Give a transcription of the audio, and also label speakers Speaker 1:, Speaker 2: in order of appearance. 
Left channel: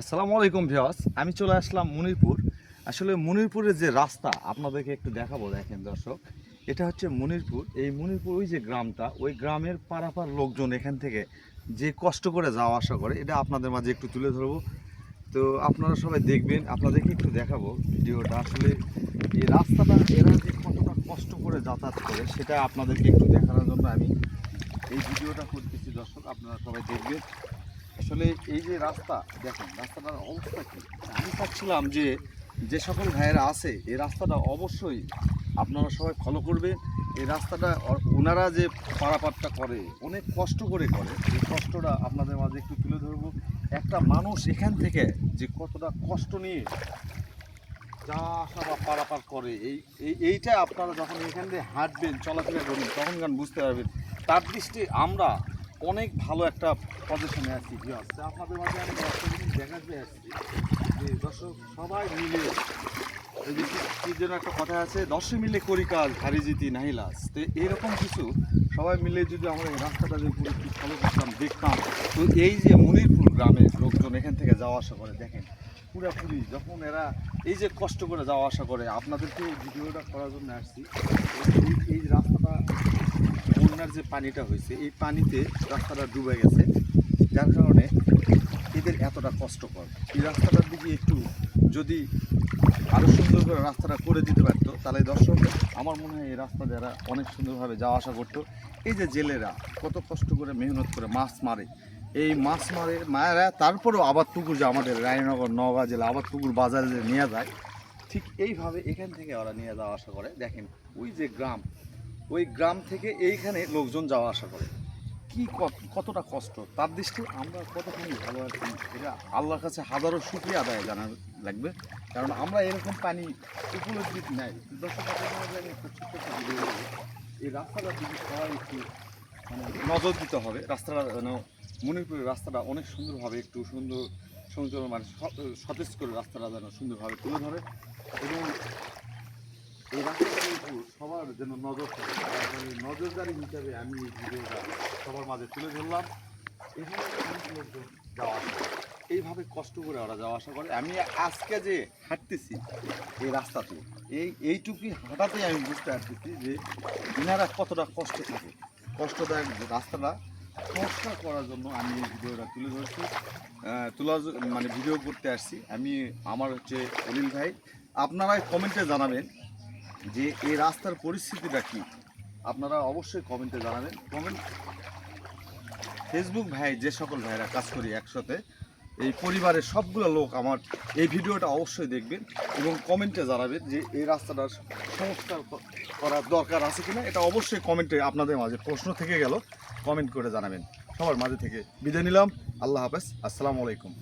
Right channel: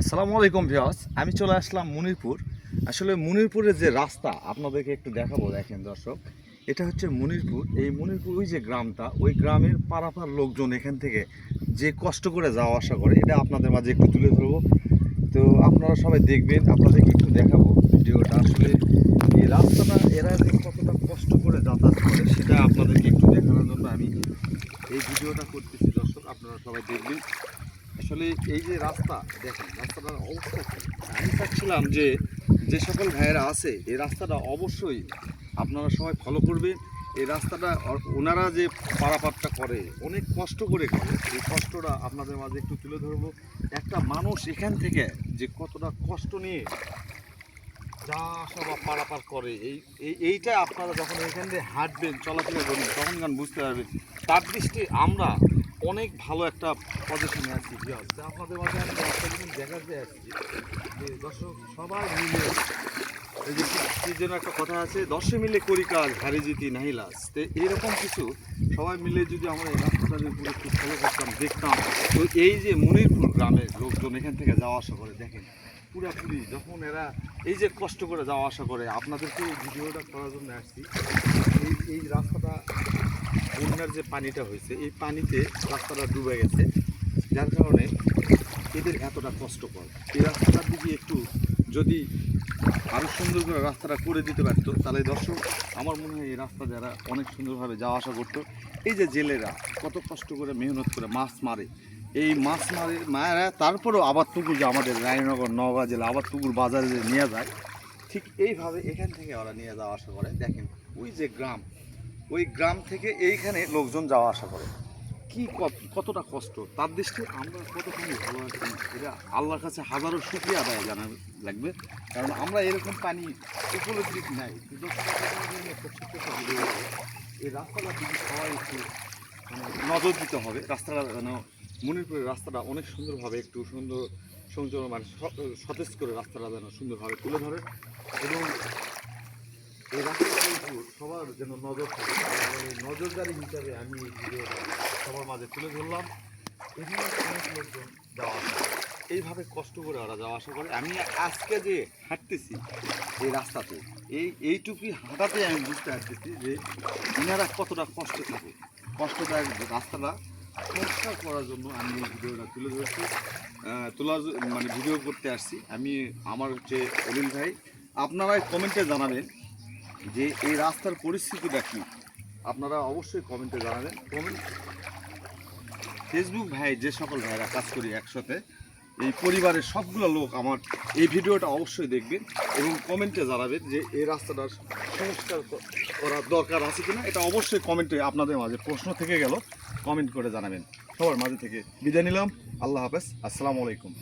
Speaker 1: আসসালামু আলাইকুম ভিয়াস আমি চলে আসলাম মনিরপুর। আসলে মনিরপুরের যে রাস্তা, আপনাদেরকে একটু দেখাবো, দেখেন দর্শক। এটা হচ্ছে মনিরপুর। এই মুনিরপুর, ওই যে গ্রামটা, ওই গ্রামের পারাপার লোকজন এখান থেকে যে কষ্ট করে যাওয়া আসা করে, এটা আপনাদের মাঝে একটু তুলে ধরবো। তো আপনারা সবাই দেখবেন, আপনাদেরকে একটু দেখাবো ভিডিওটা। আসলে এই রাস্তাটা, এরা যে কতটা কষ্ট করে যাতায়াত করে, সেটা আপনাদেরকে একটু দেখানোর জন্য আমি এই ভিডিওটা করতেছি। দর্শক, আপনারা সবাই দেখবেন। আসলে এই যে রাস্তা, দেখেন, রাস্তাটার অবস্থা কি? আমি চাচ্ছিলাম যে যে সকল ভাইয়েরা আছে, এই রাস্তাটা অবশ্যই আপনারা সবাই ফলো করবেন। এই রাস্তাটা ওনারা যে পারাপারটা করে, অনেক কষ্ট করে করে, এই কষ্টটা আপনাদের মাঝে একটু তুলে ধরবো। একটা মানুষ এখান থেকে যে কতটা কষ্ট নিয়ে যা আসা বা পারাপার করে, এই এই, এইটা আপনারা যখন এখান দিয়ে হাঁটবেন, চলাফেরা করবেন, তখন গান বুঝতে পারবেন। তার দৃষ্টি আমরা অনেক ভালো একটা পজিশনে আছি? আপনাদের মাঝে আমি একটা জিনিস দেখাতে আসছি, যে দর্শক সবাই মিলে এই যে কি- যেন একটা কথা আছে, দশে মিলে করি কাজ হারি জিতি নাহি লাস তো এরকম কিছু সবাই মিলে যদি আমরা এই রাস্তাটা যদি পুরো একটু ফলো করতাম, দেখতাম, তো এই যে মনিরপুর গ্রামের লোকজন এখান থেকে যাওয়া আসা করে, দেখেন পুরাপুরি যখন এরা এই যে কষ্ট করে যাওয়া আসা করে, আপনাদেরকে ভিডিওটা করার জন্য আসছি। এই এই রাস্তাটা, বন্যার যে পানিটা হয়েছে, এই পানিতে রাস্তাটা ডুবে গেছে, যার কারণে এদের এতটা কষ্টকর। এই রাস্তাটার দিকে একটু যদি আরও সুন্দর করে রাস্তাটা করে দিতে পারতো, তাহলে দর্শক, আমার মনে হয় এই রাস্তা দ্বারা অনেক সুন্দরভাবে যাওয়া আসা করতো। এই যে জেলেরা কত কষ্ট করে মেহনত করে মাছ মারে। এই মাছ মারে মায়েরা তারপরেও আবার পুকুর যে আমাদের রায়নগর, নওগাঁ জেলা আবার পুকুর বাজারে যে নিয়ে যায়, ঠিক এইভাবে এখান থেকে ওরা নিয়ে যাওয়া আসা করে। দেখেন, ওই যে গ্রাম, ওই গ্রাম থেকে এইখানে লোকজন যাওয়া আসা করে। কি কত- কতটা কষ্ট? তার দৃষ্টি আমরা কতখানি ভালো আছি, এটা আল্লাহর কাছে হাজারো শুক্রিয়া আদায় জানা লাগবে। কারণ আমরা এরকম পানি উপলব্ধি নাই। এই রাস্তাটা দিকে সবাই একটু মানে নজর দিতে হবে, রাস্তাটা যেন মণিপুরের রাস্তাটা অনেক সুন্দরভাবে একটু সুন্দর সুন্দর মানে সতেজ করে রাস্তাটা যেন সুন্দরভাবে তুলে ধরে। এবং এই রাস্তাটার উপর সবার যেন নজর থাকে। নজরদারি হিসাবে আমি এই ভিডিওটা সবার মাঝে তুলে ধরলাম। এখানে অনেক লোকজন যাওয়া আসা এইভাবে কষ্ট করে ওরা যাওয়া আসা করে। আমি আজকে যে হাঁটতেছি এই রাস্তাতে, এই এইটুকুই হাঁটাতে আমি বুঝতে পারতেছি যে ইনারা কতটা কষ্ট থাকে যে রাস্তাটা সংস্কার করার জন্য আমি এই ভিডিওটা তুলে ধরছি। তোলার মানে ভিডিও করতে আসছি। আমি আমার হচ্ছে অলিল ভাই। আপনারাই কমেন্টে জানাবেন যে এই রাস্তার পরিস্থিতিটা কি? আপনারা অবশ্যই কমেন্টে জানাবেন। কমেন্ট ফেসবুক ভাই, যে সকল ভাইরা কাজ করি একসাথে, এই পরিবারের সবগুলো লোক আমার এই ভিডিওটা অবশ্যই দেখবেন এবং কমেন্টে জানাবেন যে এই রাস্তাটার সংস্কার করার দরকার আছে কিনা। এটা অবশ্যই কমেন্টে আপনাদের মাঝে প্রশ্ন থেকে গেল কমেন্ট করে জানাবেন। সবার মাঝে থেকে বিদায় নিলাম। আল্লাহ হাফেজ। আসসালামু আলাইকুম।